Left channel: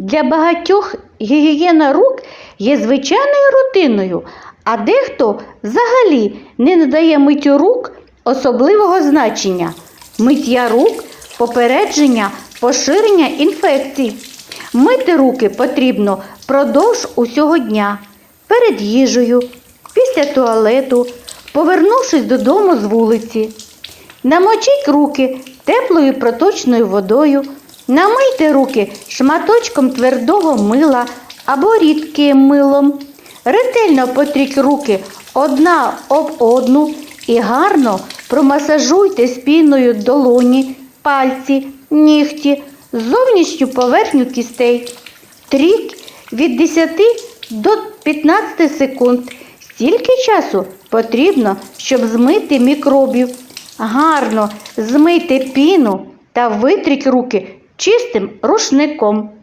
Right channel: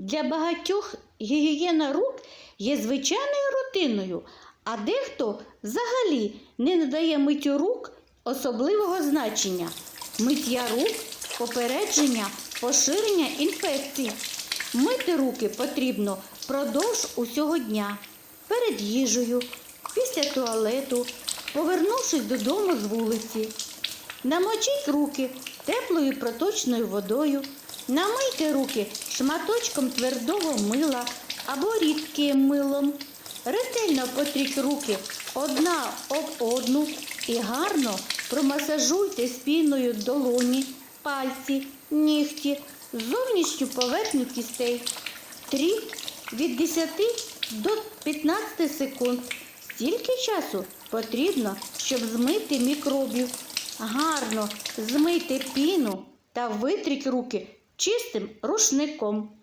Для багатьох гігієна рук є звичайною рутиною, а дехто взагалі не надає миттю рук особливого значення. Миття рук попередження поширення інфекцій. Мити руки потрібно впродовж усього дня, перед їжею, після туалету, повернувшись додому з вулиці. Намочіть руки теплою проточною водою, намийте руки шматочком твердого мила або рідким милом. Ретельно потріть руки одна об одну і гарно промасажуйте спіною долоні, пальці, нігті, зовнішню поверхню кістей. Тріть від 10 до 15 секунд. Стільки часу потрібно, щоб змити мікробів. Гарно змийте піну та витріть руки чистим рушником.